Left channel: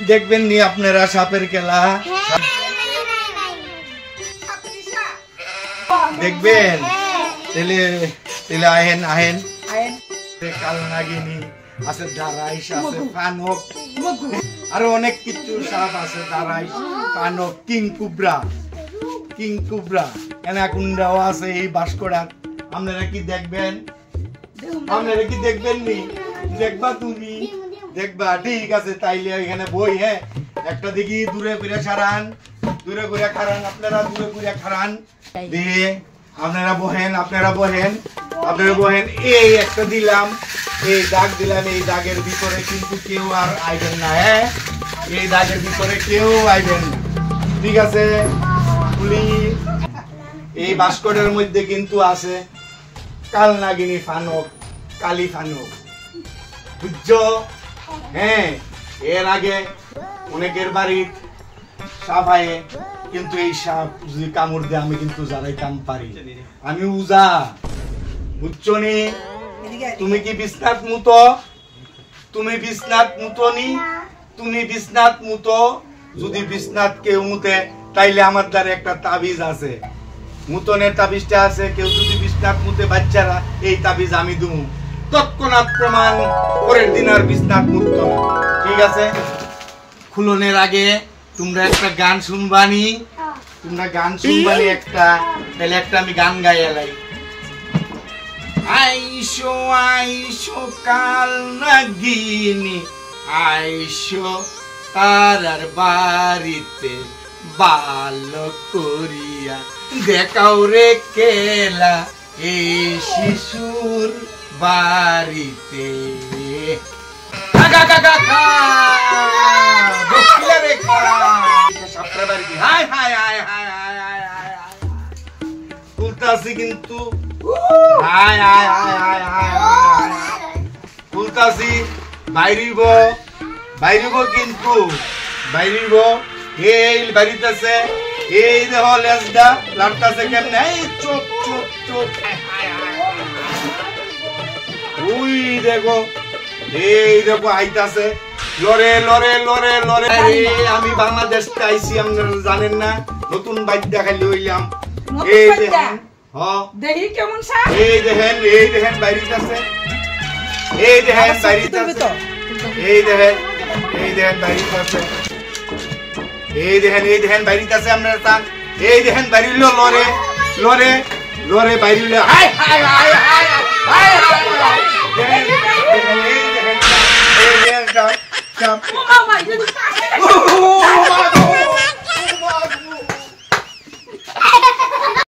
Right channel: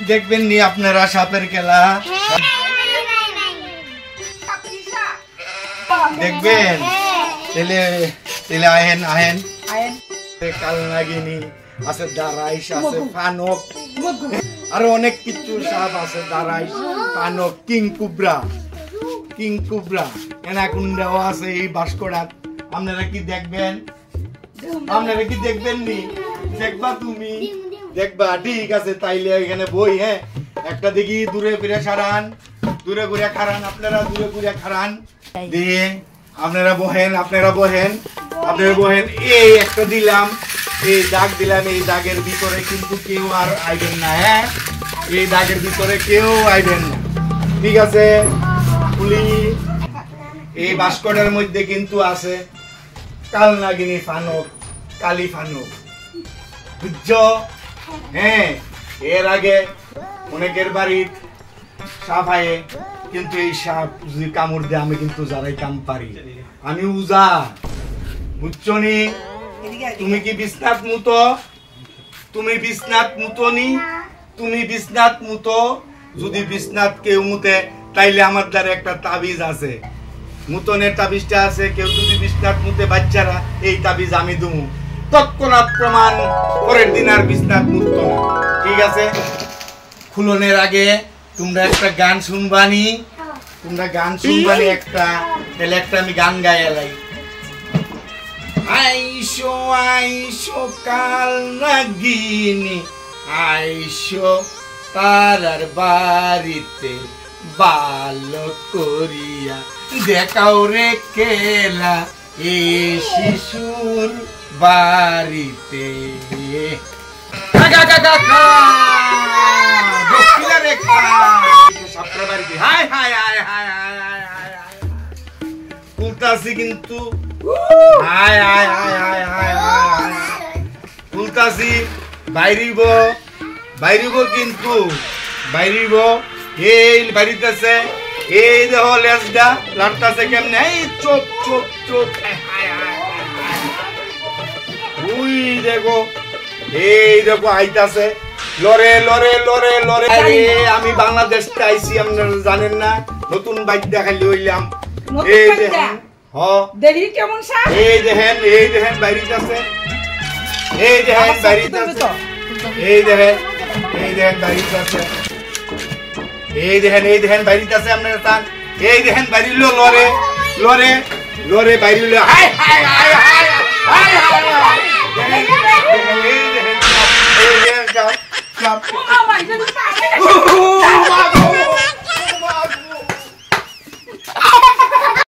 দেখবেন নি আপনারা সাপের খেলা দেখবেন তেলে তেলে আহেন আহেন কাল নাগিনী আছে দারাইশ আছে ফানক আরো অনেক কিছু সাপ আছে দারাইশ ফানক কিং কুবরা অ্যানাকোন্ডাও আছে এই বাস্কড়া আপনারা কি দেখবেন নি দেখবা তুমি দেখবা ঠিক আছে তাইলে এখানে বই হ্যাঁ একটা দেখি দূরে ঘুরে খারান আপনারা দূরে ঘুরে খারান দিয়ে আপনারা বহেন এই একটা দিলাম এই দাগ দিলাম এই দাগের ভিতরে কিন্তু কেউ আর আইবেন না হ্যাঁ এই দাগের ভিতরে কেউ আইবেন না ঠিক আছে পুলি এই বাস্কটের মধ্যে কিন্তু আছে কাল নাগিনী ফানক কালী ফানক বুঝছো হ্যাঁ এর আগে অনেকের বাড়ির সাপ আয়ে কিন্তু এই সাপ যদি কামড় দেয় আমি কিন্তু যারাই কাম পারি আমি উজা বুঝছো নি তুমি কি বিছনাত মুতো যদি বিছনাত কেউ মুতে তাইলে আমার দ্বারা একটা তাবিজ আছে মুতনের তাবিজটা আছে কেউ যদি বিছনাত মুতে বাচ্চারা এই তাবিজ আমি দেবো তৎক্ষণাৎ প্রমাণ পরের দিন আর বিছনাত মুততো না ঠিক আছে খুলনের আগে তোমরা একটা গান শুনবানি একটা তাহলে একটা আমি গান গাইলাই আইসো কাল নাগিনী আইসো পাড়ার বাড়িতে ভালো করিয়া দেখাও রে খেলা এই শিশুর বাড়িতে তুলতাছি কিন্তু তুলতাছি বাইরিব কিন্তু বাইরিব এই বাড়িতেছে এই দেহ লেজটা লাড়তাছে কেমনে এই চোপ ওই দেখো এই দেখো আইতাছে লরে আমি বাংলাদেশে আইছি আপনারা জানেন না নতুন বাইক দেখাইলে হইলাম এই দেখেন দেখি কেমন সাপ এই দেখেন বাইরিতাছে এই দেখেন বাইরিতাছে আপনারা তান এই দেখেন বাইরিল লরে বাইরিল হাই এই দেখেন